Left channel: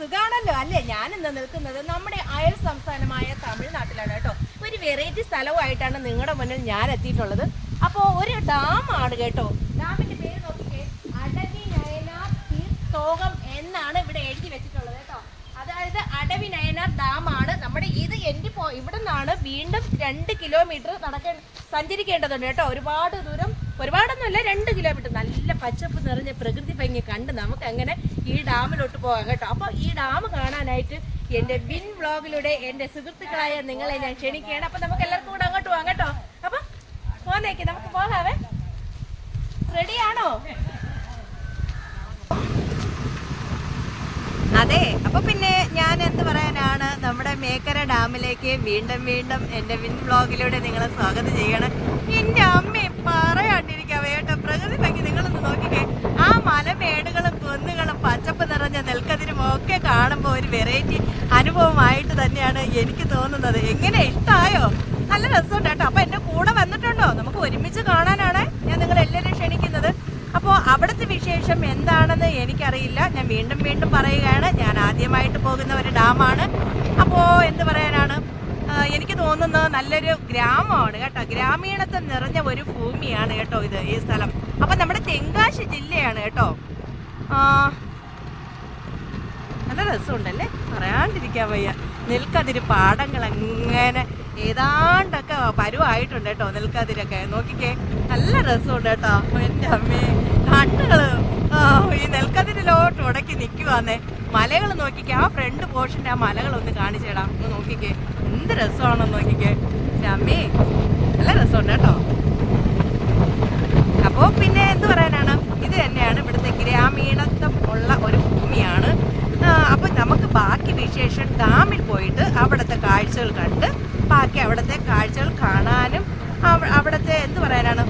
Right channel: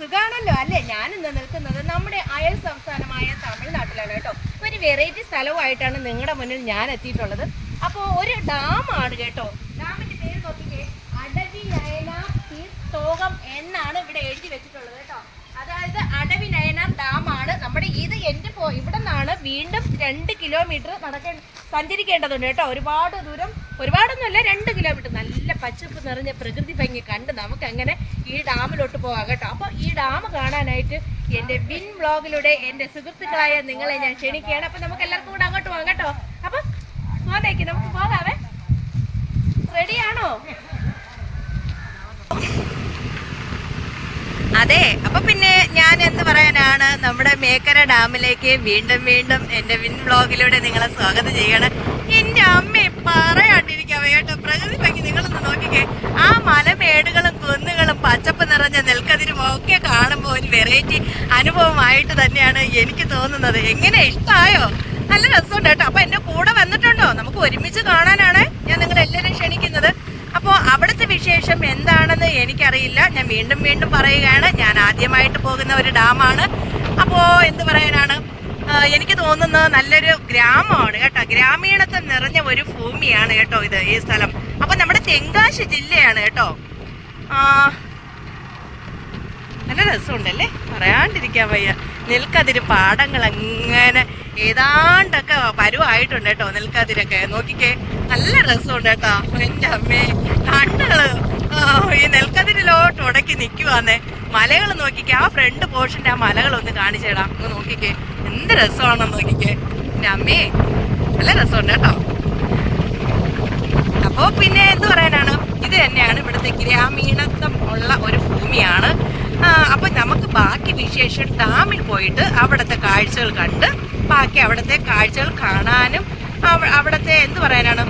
സുഖാണല്ലോ അല്ലേ? ഞാനിന്ന് നിൽക്കുന്നത് നമ്മുടെ അയൽ സംസ്ഥാനമായ തമിഴ്നാട്ടിലാണ് കേട്ടോ. ഒരു വെറൈറ്റി സ്ഥലവുമായിട്ടാണ് നിങ്ങളുടെ മുന്നിൽ ഞാൻ എത്തിയിട്ടുള്ളത്. അപ്പോൾ ഒരു ഡാമാണ് കേട്ടോ. ഡാമിന്റെ പേര് നോക്കിക്കേ, അടവി നയനാർ തീർത്ഥോകം എന്നാണ് ഇവിടെ എഴുതി വെച്ചിട്ടുള്ളത് കേട്ടോ. അതായത് അടവി നയനാർ ഡാമാണ് നമ്മുടെ ഇത്. ഇവിടെ നിന്നാണ് വീണ്ടും 2 കിലോമീറ്റർ സഞ്ചരിക്കേണ്ടതുണ്ട് കേട്ടോ. ഒരുപാട് ദൂരം, ഒരുപാടൊന്നുമല്ല, 2 കിലോമീറ്റർ. നല്ല പച്ചപ്പ് നിറഞ്ഞ പ്രകൃതി ഭംഗി കണ്ട് നമുക്ക് അങ്ങനെ ഈ ഡാമിലോട്ട് പോകാം കേട്ടോ. അപ്പോൾ ഈ ഡാം കാണാനായിട്ട് എൻ്റെ വിൻ വ്ളോഗിലൂടെ എൻ്റെ സുഹൃത്തുക്കളായ നിങ്ങളെ ഞാൻ ക്ഷണിക്കുകയാണ്. അപ്പം നമുക്ക് എല്ലാവർക്കും കൂടെ അങ്ങോട്ട് പോകാം കേട്ടോ. അപ്പം പോന്നേക്ക്, നമുക്ക് പോകാവേ. റെഡിയാണോ? അതെ, അപ്പൊ പിന്നെ ഞാൻ എന്ത് പറയാനാണ്, നമ്മുടെ മേക്കര ഡാമിലേക്ക് വീണ്ടും വീണ്ടും എൻ്റെ വിൻ വ്ളോഗിലൂടെ നിങ്ങളെ സ്വാഗതം ചെയ്യണം. എൻ്റെ അമ്മയെ പറയാണ്ടിരിക്കാവേ കേട്ടോ. പ്രകൃതി ഭംഗി നിങ്ങളൊന്ന് നോക്കിക്കേ. ആ മലമേടുകളും കുന്നുകളും പച്ചപ്പ് നിറഞ്ഞ നെൽക്കതിരും ഒക്കെ കാണുമ്പോൾ ഒരു വെറൈറ്റി അനുഭവമായിട്ട് തന്നെയാണ് എനിക്ക് തോന്നുന്നത്. എങ്ങനെ, ഇഷ്ടമായോ? നല്ല രസമുണ്ട് കേട്ടോ. അപ്പൊ എന്റെ കൂടെ വന്നിട്ടുണ്ടോ? നമുക്ക് ഒരുമിച്ച് കാണാനാണ് ഞാൻ നിങ്ങളെല്ലാവരും ക്ഷണിക്കുന്നത്. അപ്പോൾ അവിടുത്തെ വിശേഷം എന്താണെന്ന് എനിക്കറിയില്ല. ഞാൻ വീണ്ടും വീണ്ടും പറയുകയാണ്, ഞാൻ ആദ്യമായിട്ട് പോകുന്ന ഒരു ഡാമാണ്. അപ്പോൾ എന്ത് പറയാനാണ്, എനിക്ക് തോന്നുന്നത് നല്ലൊരു ഗ്രാമമാണ് കേട്ടോ. ഗ്രാമീണത്വം നിറഞ്ഞ ഒരു ഭൂമിയാണ് കേട്ടോ ഈ സ്ഥലം. അപ്പൊ നമ്മുടെ തെങ്കാശി ജില്ലയാണ് കേട്ടോ. നല്ല രസമുണ്ടല്ലേ, പറയാണ്ടിരിക്കാൻ വയ്യ. നെൽക്കതിര് പാടങ്ങൾ അങ്ങനെ ഏതാണ്ടൊക്കെ പരുവായിട്ടുണ്ട് കേട്ടോ. നെൽക്കതിരൊക്കെ നോക്കിക്കേ, നല്ല രസമുണ്ട് കേട്ടോ. എൻ്റെ അമ്മേ, കണ്ണുകള് ഈ നെൽക്കതിരിലോട്ട് ഉടക്കി നിൽക്കുവാന്നേ. മലകൾ നോക്കിക്കേ, ആ ഫ്രണ്ട് പോർഷൻ്റെ ആ മലകളൊന്ന് കാണിച്ചേടാ. ഒന്ന് നോക്കിക്കേ, എന്ത് രസമാണെന്ന് നോക്കിക്കേ. എൻ്റെ അമ്മേ, നല്ല രസമുണ്ട് കേട്ടോ. അപ്പോൾ പിന്നെ എന്ത് പറയാനാണ്, ഇത് തന്നെയാണ് ഇവിടുത്തെ ഗ്രാമീണത്വം ഉള്ള ഒരു ഭൂമിയാണ്. അപ്പൊ നമുക്ക് ബാക്കി വിശേഷം ഡാമിൽ പോയിട്ട് അവിടുത്തെ കാഴ്ചകൾ കണ്ട് ബാക്കി അവിടുത്തെ കാഴ്ചകൾ കാണാനും അവിടുത്തെ എന്ത് പറയാനാണ്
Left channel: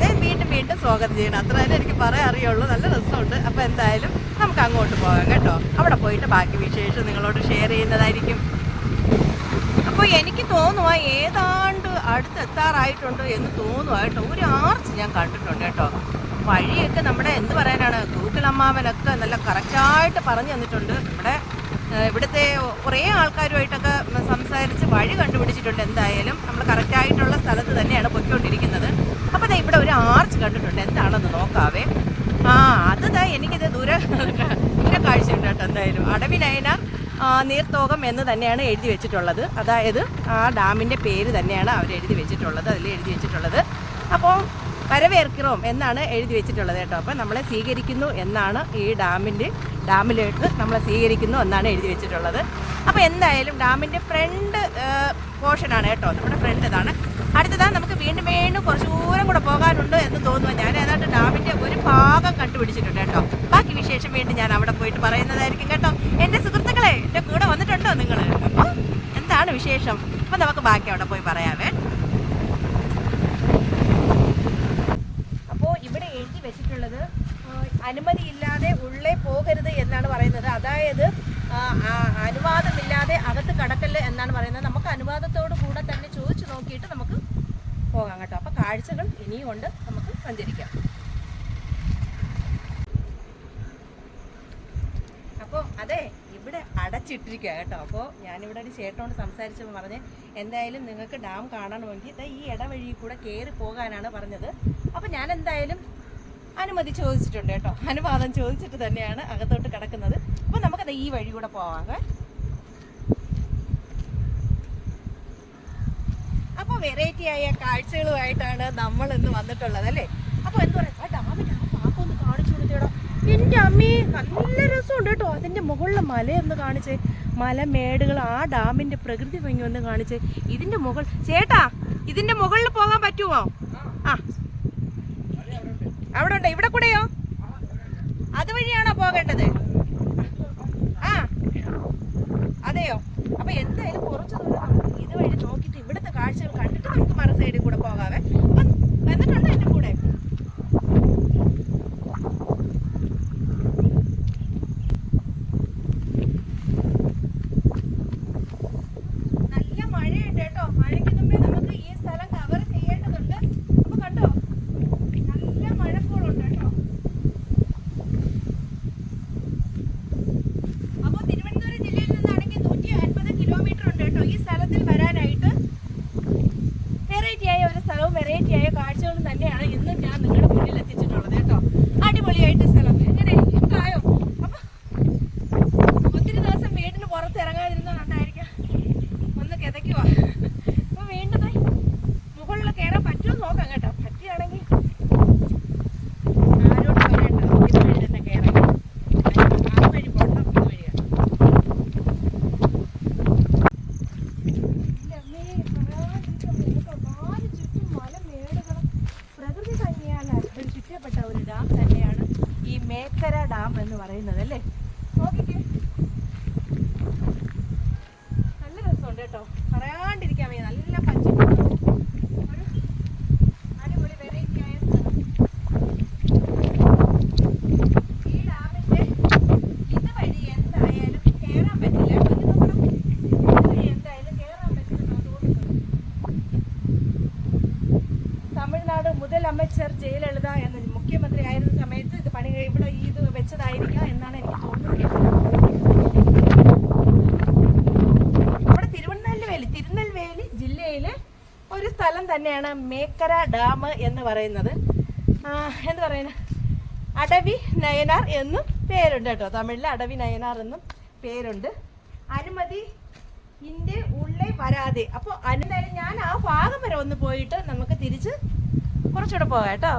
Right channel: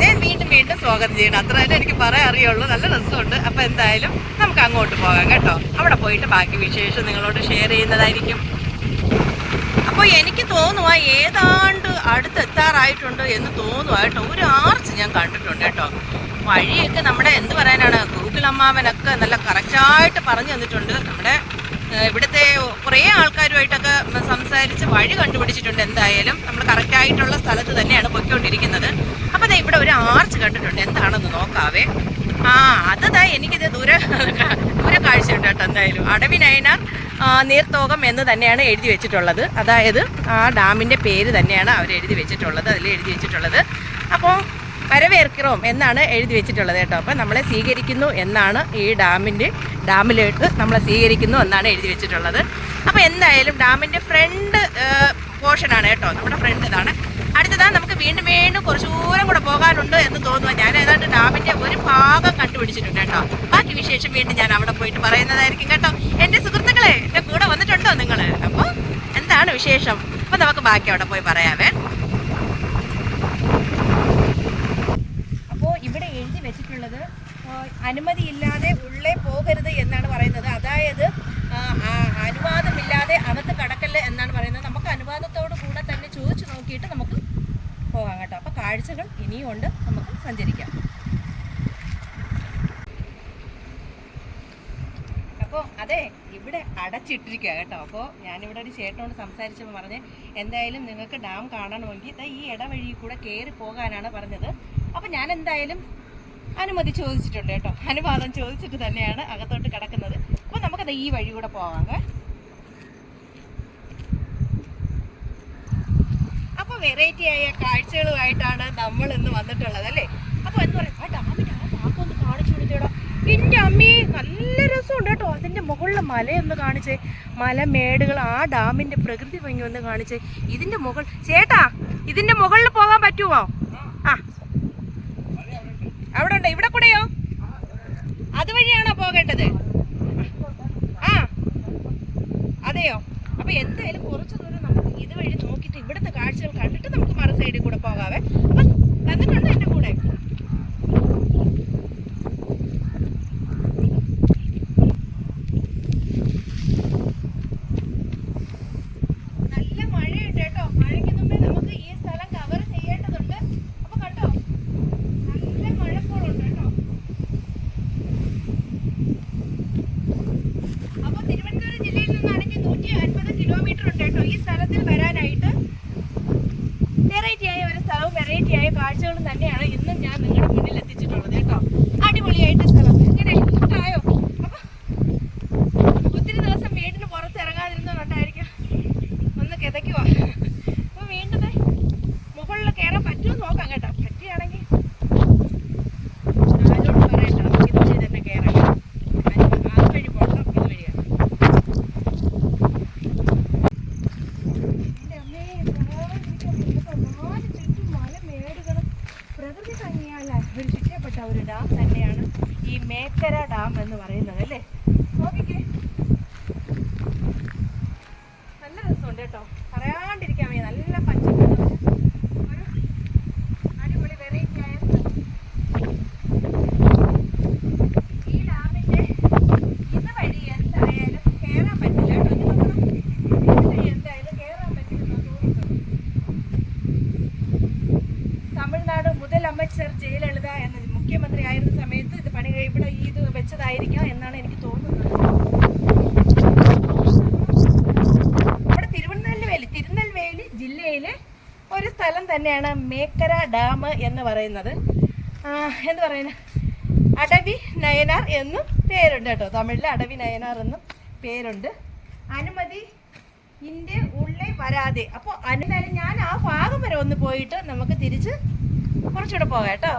ഞാൻ വീണ്ടും വീണ്ടും സ്വാഗതം ചെയ്യണം. അത്ര തന്നെ എനിക്ക് പറയാൻ അറിയുള്ളൂ. നല്ല രസമുണ്ട്. അപ്പൊ എന്തായാലും നമുക്ക് അങ്ങോട്ട് പോകാം കേട്ടോ. അവിടെ പോയിട്ട് ബാക്കി വിശേഷം നിങ്ങളോട് ഷെയർ ചെയ്യുന്നതായിരിക്കും. അപ്പോൾ എനിക്ക് തോന്നുക ഏതാണ്ട് അടുത്തെത്താറായിട്ടുണ്ട് എന്ന് തോന്നുക കേട്ടോ. ഒരു ആർച്ച് ഞാൻ കണ്ടിട്ടുണ്ട് കേട്ടോ. വഴിയൊക്കെ നമ്മുടെ എന്ത് പറയാനാണ്, ഗൂഗിൾ അമ്മാവനൊക്കെ നല്ല കറക്റ്റായിട്ട് പറഞ്ഞു തന്നിട്ടുണ്ട്. നമ്മുടെ ഇവിടുത്തെ കുറേ ആൾക്കാരുമായിട്ടൊക്കെ സംസാരിച്ച് വഴി കണ്ടുപിടിച്ചിട്ടുണ്ട്. എന്തായാലും നമ്മൾ കറക്റ്റായിട്ടുള്ള സ്ഥലത്ത് തന്നെയാണ് പൊയ്ക്കൊണ്ടിരിക്കുന്നത്. അപ്പോൾ ദേ ഇവിടെ ഒരു ആർച്ച് കണ്ടിട്ടുണ്ട്. എന്താണെന്ന് നോക്കാവേ. അതാ എനിക്കിത് ദൂരെ കാഴ്ചയുണ്ട് കേട്ടോ. എന്തായാലും അടവി നയനാർ നീർത്തോകം എന്ന് തന്നെയാണ് എഴുതി വെച്ചിട്ടുള്ളത്. അതായത് ആ ഡാമിൻ്റെ പേര് തന്നെയാണ് അവർ എഴുതി വെച്ചിട്ടുള്ളത്, അതിൽ എഴുതി വെച്ചിട്ടുള്ളത്. അപ്പോൾ വരവേൽக்கிறോം എന്നാണ് എഴുതി വെച്ചിട്ടുള്ളത് കേട്ടോ. അപ്പം നമ്മളെ സ്വീകരിക്കുന്നു എന്നാണ് ഈ ഡാമിലേക്ക് നമ്മളെ സ്വീകരിക്കുന്നു എന്നാണ് എഴുതി വെച്ചിട്ടുള്ളത്. അപ്പോൾ എന്തായാലും ഡാമിൻ്റെ ഫ്രണ്ട് പോർഷനാണ് കേട്ടോ. നമ്മുടെ ഫ്രണ്ട് ഇതാണ്. അടുത്തതാണ് നമുക്ക് വീണ്ടും വീണ്ടും കുറച്ച് ദൂരം കൂടെ പോകാനുണ്ട് എന്ന് തോന്നുന്നു. ഞാൻ ഏതാണ്ട് ഡാമിൻ്റെ ഒരു ഭാഗം കണ്ടുപിടിച്ചിട്ടുണ്ട് കേട്ടോ. ബാക്കി വിശേഷം വീണ്ടും ഞാൻ അവിടെ പോയിട്ട് പറയുന്നതായിരിക്കും കേട്ടോ. എൻ്റെ സുഹൃത്തുക്കളെ, എൻ്റെ കൂടെ വന്നിട്ടുണ്ടോ നിങ്ങൾ? അപ്പോൾ എന്താണ് വിശേഷം? അപ്പോൾ നമുക്ക് ബാക്കി അവിടെ പോയി പറയാവേ. ഇവിടെ എഴുതി വെച്ചിട്ടുള്ളത് അനുമതിയില്ലാതെ ഉള്ളേ പോകരുത് എന്നാണ് പറയുന്നത്. അതായത് അനുവാദമില്ലാതെ അകത്ത് കടക്കല്ല് എന്നാണ് പറയുന്നത്. നമുക്ക് അനുവാദത്തോടു കൂടെ തന്നെ ചോദിച്ചു നോക്കിയിട്ട് നമുക്ക് പോകാം കേട്ടോ. അപ്പോൾ കാഴ്ചകൾ ഇനിയും ഉണ്ട്, നമുക്ക് സഞ്ചരിക്കാം. അപ്പോൾ അതെ, ഇവിടെ അടച്ചിട്ടിരിക്കുക കേട്ടോ. അപ്പോൾ ഞാനിവിടെ ഒരു ചേട്ടനോട് സംസാരിച്ചപ്പോൾ പറഞ്ഞ് എന്തായാലും നിങ്ങൾക്ക് ഡാം കാണണമെങ്കിൽ ഈ ഇടവഴി കൂടെ കയറി പോകാനാണ് പറഞ്ഞത്. അപ്പോൾ ഞാൻ എന്തായാലും അനുമതി ചോദിച്ചിട്ടുണ്ട് കേട്ടോ. അനുവാദം ചോദിച്ചിട്ട് തന്നെയാണ് അകത്തോട്ട് കിടക്കുന്നത്. അപ്പോൾ നമുക്കത് ഈ വഴി കൂടെ പോവാം. അപ്പോൾ വെറൈറ്റി ആയ കാഴ്ചകളുമായിട്ടാണ് നമ്മൾ ഇന്ന് വന്നിട്ടുള്ളത് അല്ലേ. അപ്പോൾ എന്താ പറയുക, ആ ഡാമിൻ്റെ ആ ഭാഗമൊന്ന് കാണിച്ചു കൊടുത്തേടാ. എൻ്റെ അമ്മേ, നല്ല രസമുണ്ട് കേട്ടോ. അതിൻ്റെ മുകളിലെ മലയൊന്ന് കാണിച്ചേ, മലമേടുകൾ, ആ ഡാമിൻ്റെ പ്രകൃതി ഭംഗി ഒന്ന് കാണിച്ചേ. ഇതിൻ്റെ മുകൾ ചേട്ടാ, ഇതിൻ്റെ മുകളിൽ പോകാൻ പറ്റുമോ? അവിടെ ഉണ്ടോ? ഇവിടെ കൂടെയോ? അതുവഴിയാണോ പോകേണ്ടത്? അതെയോ? അപ്പൊ എന്തായാലും കുറച്ച് ദൂരം നമുക്ക് ഇതുവഴി നോക്കിയിട്ട് ഇവിടുത്തെ കാഴ്ചകൾ കണ്ടിട്ട് നമുക്ക് മറു സൈഡിൽ കൂടെ പോകാവേ. അപ്പം വന്നിട്ടുണ്ടോ എൻ്റെ കൂടെ? നല്ല മഴയുണ്ട് കേട്ടോ. മഴയ്ക്ക് മുമ്പേ നമുക്ക് ഈ സ്ഥലം കവർ ചെയ്യേണ്ടതുണ്ട്. അപ്പൊ കണ്ടോ, നല്ല മഴക്കോളുണ്ട് കേട്ടോ. കേട്ടോ. ഈ സ്ഥലത്തിൽ വരാനായിട്ട് വെറൈറ്റിയായ ഒരു സ്ഥലവും വെറൈറ്റിയായ കാഴ്ചകളും തന്നെയാണ് ഇന്നും ഞാൻ നിങ്ങളുടെ മുന്നിൽ എത്തിച്ചിട്ടുള്ളത് കേട്ടോ. അടിപൊളിയായിട്ട് സ്ഥലം ഇങ്ങനെ ഇഷ്ടമായോ? അപ്പൊ ഒത്തിരി ദിവസം വീടിന് പുറത്ത് ഇറങ്ങാതിരുന്നതുകൊണ്ടായിരിക്കും ഒന്ന് കിതയ്ക്കുവാ. അപ്പൊ വീണ്ടും മുകളിൽ കയറാൻ പറ്റുമെന്ന് നോക്കാം കേട്ടോ. പറ്റിയാണെങ്കിൽ ആരോട് പറയട്ടോ, ഇതുവഴി തന്നെ കയറാം. ആ വഴി പോകണം, ഇതുവഴിയാണ്. പ്രകൃതി ഭംഗിയാൽ അഭിവൃദ്ധിക്കപ്പെട്ട ഒരു ഡാം തന്നെയാണ് ഈ മേക്കര ഡാം എന്ന് പറയുന്നത് അല്ലേ. നോക്കിക്കേ, നല്ല രസമുണ്ട് കേട്ടോ, പറയാണ്ടിരിക്കാൻ വയ്യ. നല്ല പച്ചപ്പ്, അടിപൊളി വെറൈറ്റി ആയ സ്ഥലം. ഈ ഡാമിന്റെ ഇതുവഴി എന്തായാലും കയറാൻ പറ്റില്ല കേട്ടോ. ഇതുവഴി എന്തായാലും കയറാൻ പറ്റില്ലെന്ന് തോന്നുന്നു. തമിഴ്നാട് മുതലമച്ചർ ജയലളിത എന്ന മുഖ്യമന്ത്രി ആയിരുന്ന സമയത്ത് ഇത് ഇവിടെ ഇത് വെച്ചതായിരിക്കാം എന്നാണ് എനിക്ക് തോന്നുന്നത്. നമ്മുടെ തിരുനെൽവേലി ജില്ലയിലെ ഒരു സ്ഥലം തന്നെയാണ് മേക്കര ഡാം എന്ന് പറയുന്നത്. എന്ത് പറയുന്നത്, അടവി നയനാർ എന്നും പേരുണ്ട് കേട്ടോ. തമിഴിൽ അടവി നയനാർ എന്നും പേരുണ്ട്. അനുമതി ഇന്റെ ഉള്ളിൽ വരാതെ. അപ്പോൾ എന്തായാലും ഞാൻ ആ ഭാഗം വരെ ഒന്ന് പോയിട്ട് നമുക്ക് തിരിച്ച് കുറച്ചുകൂടെ പോകാം കേട്ടോ.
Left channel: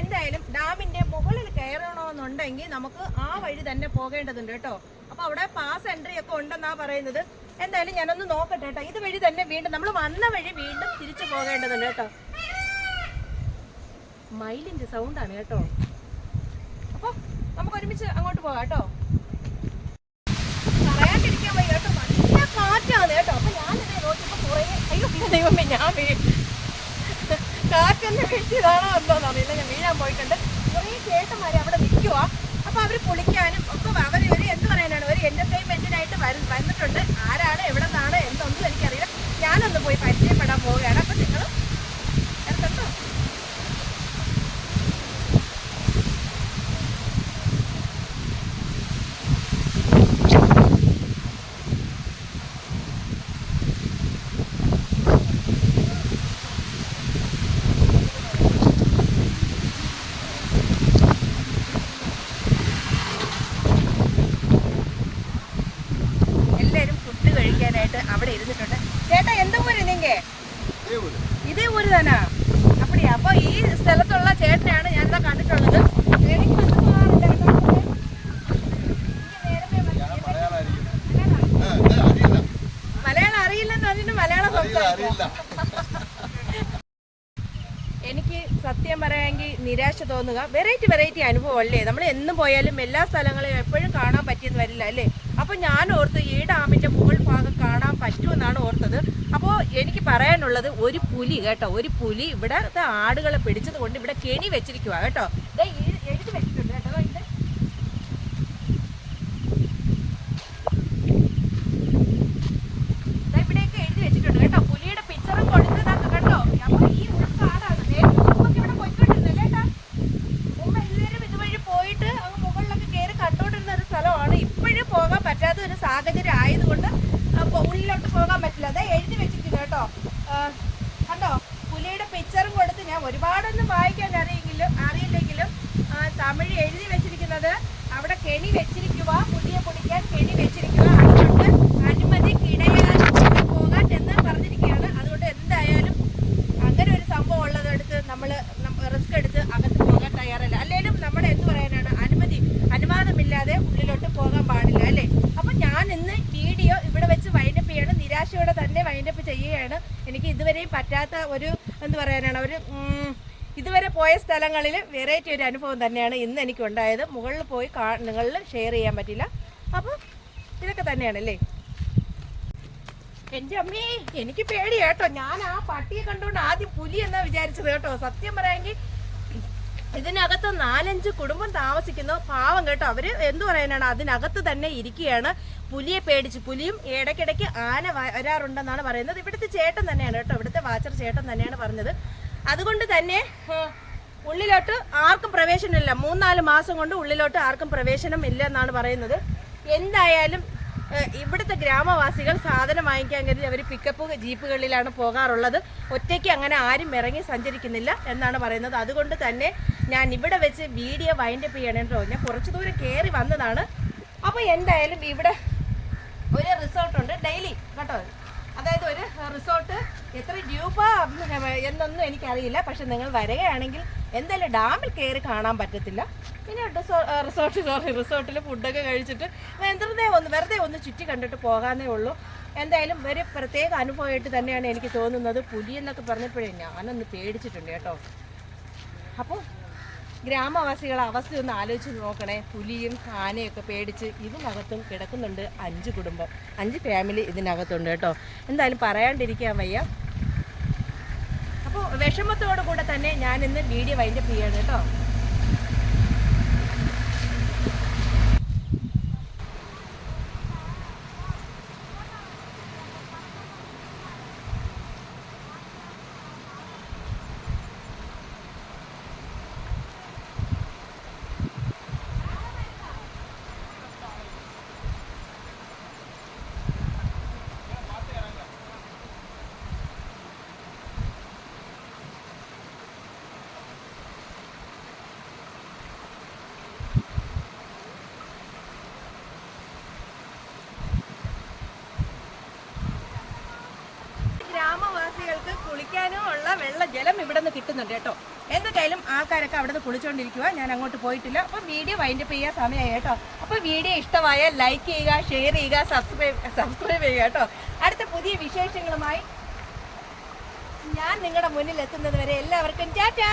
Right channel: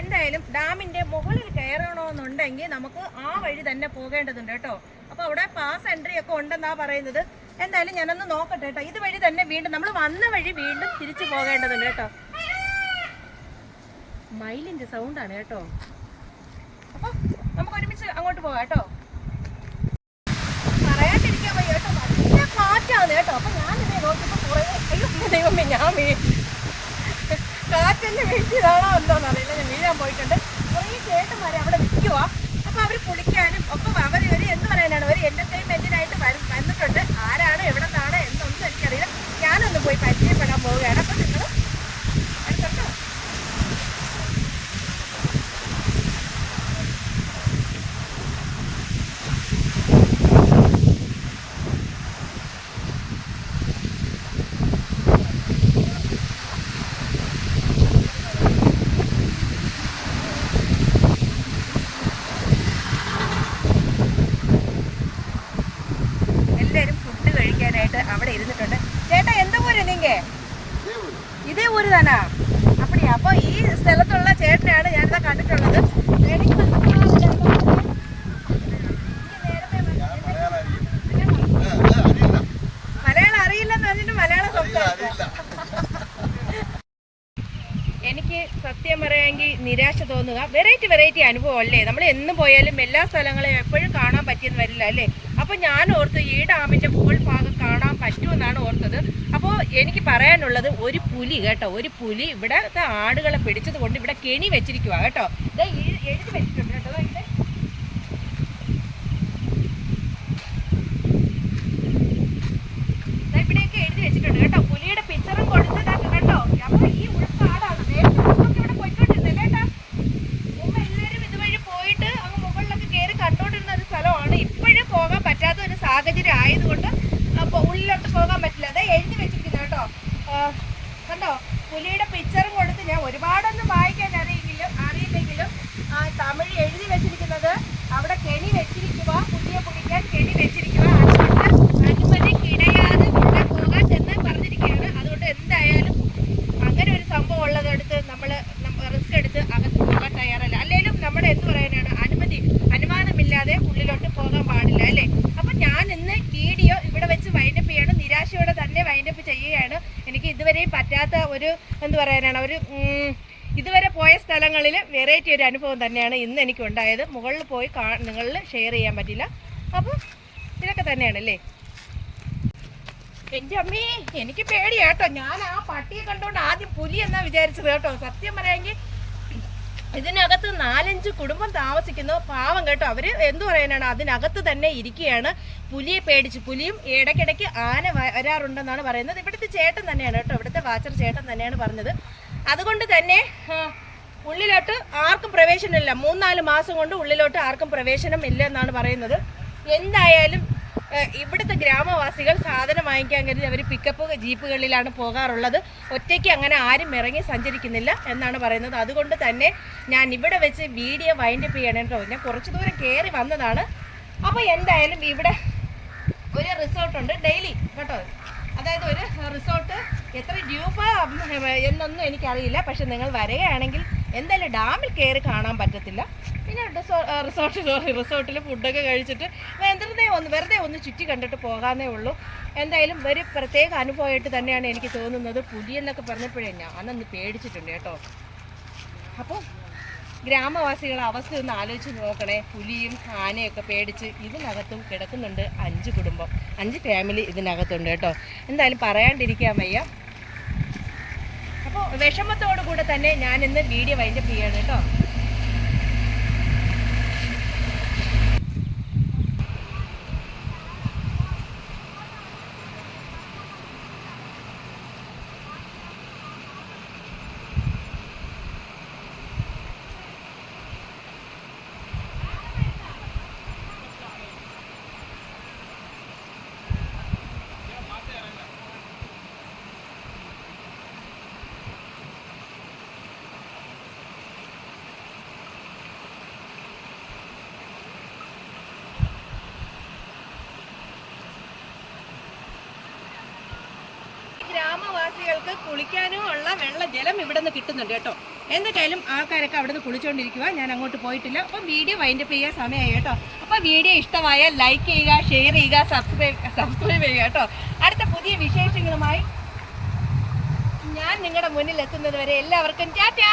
എന്തായാലും ഡാമിന്റെ മുകളിൽ കയറണമെന്നുണ്ടെങ്കിൽ നമുക്ക് ആ വഴി തന്നെ പോകേണ്ടതുണ്ട് കേട്ടോ. അപ്പൊ അവിടെ പാസ് എൻട്രി ഒക്കെ ഉണ്ടെന്നാ പറയുന്നത്. എന്തായാലും ഞാനൊന്ന് നോക്കട്ടെ കേട്ടോ. ഇതുവഴി തന്നെ വീണ്ടും നമ്മൾ വന്ന വഴി വീണ്ടും തിരിച്ചു പോകേണ്ടതുണ്ട് കേട്ടോ. മയിലിന്റെ സൗണ്ടാണ് കേട്ടോ. അപ്പൊ നമുക്ക് ഒരുമിച്ച് അങ്ങോട്ട് പോകാം കേട്ടോ. പറയാണ്ടിരിക്കാൻ വയ്യ കേട്ടോ, നല്ല കാറ്റാണ് കേട്ടോ. അപ്പൊ ഞാനിതേ നോക്കിയപ്പോ കുറേ അയ്യോ ദൈവമേ, ഞാൻ കാറ്റെന്നെ വീഴ്ത്തിയതാണോ എന്തോന്ന് അറിയില്ല. ഞാൻ വീഴാൻ പോയിട്ടുണ്ട്. കുറേ ചേട്ടന്മാരെ അവിടെ നിൽക്കുക. അപ്പൊ അവർ കുളിക്കാനും ഒക്കെ അവർ ഒരു എന്ത് പറയാനാണ്, ഒരു എന്റർടൈൻമെന്റിനായിട്ട് വന്നിട്ടുണ്ട്. ആരാണ് എവിടെ നിന്നാണ് എന്തൊന്നും എനിക്കറിയില്ല. ഞാനൊന്ന് പോയി പരിചയപ്പെടാൻ പോവുകയാണ്. അപ്പൊ നിങ്ങൾ അടുത്തുണ്ടോ? കഴിക്കാനായിട്ട് അവിടെ ഇരുന്നിട്ടുണ്ട്. ചേട്ടാ എന്താ ഊര് നീങ്ക? ഇതേ ഊര് തന്നെ. അപ്പടിയാ. അപ്പൊ ഈ സ്ഥലത്തുള്ള ചേട്ടനെയാണ് ഞാനിതാ കണ്ടിട്ടുള്ളത്. മലയാളം അറിയില്ലെന്ന് പറഞ്ഞിട്ട് മലയാളം സംസാരിക്കും. എനിക്ക് സത്യം പറയാമെങ്കിൽ നിരാശ തോന്നുക. വെറൈറ്റി അനുഭവം അല്ലേ. നമ്മൾ എന്നും പോയാലും എല്ലാ സ്ഥലങ്ങളും എപ്പോഴും കാണാൻ പറ്റിയെന്ന് വരില്ല അല്ലേ. അപ്പോൾ ഞാൻ ഓർത്ത് ഈ ഡാമിൻ്റെ മുകൾ ഭാഗം കാണാൻ പറ്റുമെന്നാണ് ഓർത്തത്. അപ്പോൾ എനിക്ക് പറയാനുള്ളത്, ഒരു പുലി കേട്ടോ, ഒരു പുലി ഇവിടുത്തെ ആടുകളെ പിടിച്ചത് കൊണ്ട് ഇവിടെ കെണി വെച്ചിരിക്കുക കേട്ടോ. ഇത് എഴുതി വെച്ചിട്ടുണ്ട് കേട്ടോ. ഇത് ഇവിടെയൊക്കെ എഴുതി വെച്ചിട്ടുണ്ട് കേട്ടോ. പുലിയുടെ പിക്ചറും കൊടുത്തതാക്കുക കേട്ടോ. അപ്പോൾ ഈ ഉൾക്കാടാണ് നമുക്ക് ഇവിടെ പോയിക്കൊണ്ടിരുന്നത് കേട്ടാ. മുമ്പ് എല്ലാവരും ഇതുവഴി പോയിട്ട് അങ്ങ് മുകളിലൊക്കെ കയറി കണ്ടോണ്ടിരുന്ന ഒരു സ്ഥലമാണ്. ഇപ്പോഴും പോകാൻ പറ്റാത്ത ഒരു സാഹചര്യം ആയതുകൊണ്ട് ഉള്ളിലോട്ട് പോകാൻ പറ്റില്ല. അതെ എഴുതി വെച്ചിരിക്കുന്നത് കേട്ടോ. കണ്ടോ, പുലിയുടെ പിക്ചറും കൊടുത്ത് ഞാൻ ഒരുപാടൊന്നും വായിക്കാൻ അറിയില്ലെങ്കിലും തമിഴ് എഴുതി വെച്ചിരിക്കുന്നത് അവിടെ കെണി വെച്ചിരിക്കുക, പുലിയെ പിടിക്കാൻ കെണി വെച്ചിരിക്കുക. അതുകൊണ്ട് അനുമതി കിടയാതെ പോകാൻ എന്ന് പറഞ്ഞിരിക്കുകയാണ്. അതുകൊണ്ട് എന്തായാലും അങ്ങനെ ഒരു സംഭവം ഉള്ളതെടുത്ത് നമ്മൾ റിസ്ക് എടുത്ത് അകത്ത് പോകാൻ തയ്യാറല്ല. അല്ലെങ്കിലും നമ്മുടെ എന്ത് പറയാനാണ്, അനുമാനമില്ലാതെ ഉള്ളിലോട്ട് പോകാൻ പാടില്ല അല്ലേ. അപ്പൊ ഞാൻ ഇന്ന് വീഡിയോ ഇവിടെ വെച്ച് വൈൻഡപ്പ് ചെയ്യണം. നിരാശയോടെ തന്നെ വൈൻഡപ്പ് ചെയ്യുകയാണ്. എനിക്ക് ഇതുവരെയും പറ്റാത്ത ഒരു എന്ത് പറയാനാണ്, ഒരു ഇതുവരെ പോയ സ്ഥലങ്ങളിൽ വെറൈറ്റി ഒരു അനുഭവം തന്നെയാണ് ഇന്ന് എനിക്കുണ്ടായത്. മുകളിൽ പോയി നിങ്ങളിൽ ഷെയർ ചെയ്യാൻ പറ്റില്ല. അപ്പം ഇതൊക്കെ തന്നെയാണല്ലേ. എൻ്റെ അമ്മേ, എനിക്ക് പേടിയാട്ടോ. ഞാൻ ആ പട്ടിയെ കണ്ടുകൊണ്ട് ആദ്യം പുലി എന്നാ വിചാരിച്ചത് കേട്ടോ. സത്യം പറയാമെങ്കിൽ ഇതിനകത്ത് 4-5 കുടുംബം താമസിക്കുന്നു. പാവം കേട്ടോ. അവര് എന്തു പറയാനാണ്, അതിനകത്ത് തന്നെ ഇരിക്കുകയാണ്. പുലിയെ പേടിച്ച്. പുലിയും ഇടയ്ക്കിടയ്ക്ക് ആന വരാറുണ്ടെന്നാണ് പറയുന്നത്. ഇവിടുത്തെ ചേട്ടൻ തന്നെയാണ് കേട്ടോ, ഇവിടുത്തെ വാച്ചർ ചേട്ടൻ തന്നെയാണ് പറഞ്ഞത്. അതുകൊണ്ട് തന്നെ ഉള്ളിലോട്ട് ആർക്കും പ്രവേശനമില്ല. 3-4 മാസം കൊണ്ട് ഉള്ളിലോട്ട് ആർക്കും പ്രവേശനം ഇല്ല എന്നാണ് പറയുന്നത്. എന്തായാലും ഇവിടുത്തെ ഗ്രാമവാസികൾ സാധനം വാങ്ങിക്കാൻ കരുതി അവർ പിക്കപ്പ് ജീപ്പുകളിലാണ് പോകാറുള്ളത്. ഒറ്റയ്ക്ക് അങ്ങനെ ആരും ഇറങ്ങി സഞ്ചരിക്കുന്നില്ല എന്നാണ് പറയുന്നത്. അതുകൊണ്ട് തന്നെ ഞാൻ ഇവിടെ വെച്ച് വീഡിയോ വൈൻഡപ്പ് ചെയ്യണം കേട്ടോ. ഞാൻ കുറച്ച് ദൂരം കയറി വന്നതാണ്. അപ്പോൾ എന്തായാലും ഇവിടെ ഒരു റിസോർട്ടുണ്ട് ഡെയിലി കേട്ടോ. അതായത് ഒരു റിസോർട്ട് എത്ര രൂപ എന്നൊന്നും എനിക്കറിയില്ല. പക്ഷെ നിങ്ങൾ വരികയാണെങ്കിൽ എന്തായാലും ഡാമിൽ കയറി കാണാൻ പറ്റത്തില്ല. പിന്നെ റിസോർട്ടിൽ ഫുഡൊക്കെ കഴിച്ചിട്ട് വെറുതെ ഒന്ന് ചുറ്റി കണ്ടിട്ട് പോകാനേ ഉള്ളൂ. എന്തായാലും ഒരു പ്രത്യേക അനുഭവമായിട്ട് തന്നെയാണ് എനിക്ക് തോന്നുന്നത്. പുലിയെന്നൊക്കെ പറഞ്ഞപ്പോഴേ ഞാനൊന്ന് പേടിച്ചിട്ടുണ്ട് കേട്ടോ. അപ്പോൾ ഗ്രാമവാസികളെ അവസ്ഥ ഒന്ന് ആലോചിച്ച് നോക്കണേ. പുലിയും ആനയൊക്കെ പേടിച്ച് ഇതിനകത്തും കിടക്കുന്നുണ്ട് 5 കുടുംബം, 5 ഫാമിലി ഇതിനകത്തുണ്ട് കേട്ടോ. എന്തായാലും പറയാണ്ടിരിക്കാൻ വയ്യ. അപ്പോൾ വിഷമത്തോടു കൂടെ തന്നെ ഞാൻ ഇന്ന് വീഡിയോ വൈൻഡപ്പ് ചെയ്യാണ് കേട്ടോ. ഗ്രാമവാസികൾക്ക് കുളിക്കാനും ഉള്ള ജലം ഇവിടെ നിന്ന് കിട്ടുന്നുണ്ട് കേട്ടോ. എന്നിട്ടായാലും ആൾക്കാരൊക്കെ അവിടെ നിന്ന് കുളിച്ചുകൊണ്ടിരിക്കുക. ഞാൻ അങ്ങോട്ട് പോയിട്ടില്ല. അപ്പം വീഡിയോ വൈൻഡപ്പ് ചെയ്യാൻ സമയമായി കേട്ടോ. അപ്പോൾ വീഡിയോ ഇഷ്ടമായാൽ ലൈക്ക് ചെയ്യുക, ഷെയർ ചെയ്യുക, സബ്സ്ക്രൈബ് ചെയ്യുക കേട്ടോ. അടുത്ത പുതിയ വിശേഷങ്ങളുമായി ഞാൻ നിങ്ങളുടെ മുന്നിൽ എത്തുന്നത് വരെ എല്ലാവർക്കും ടാറ്റാ.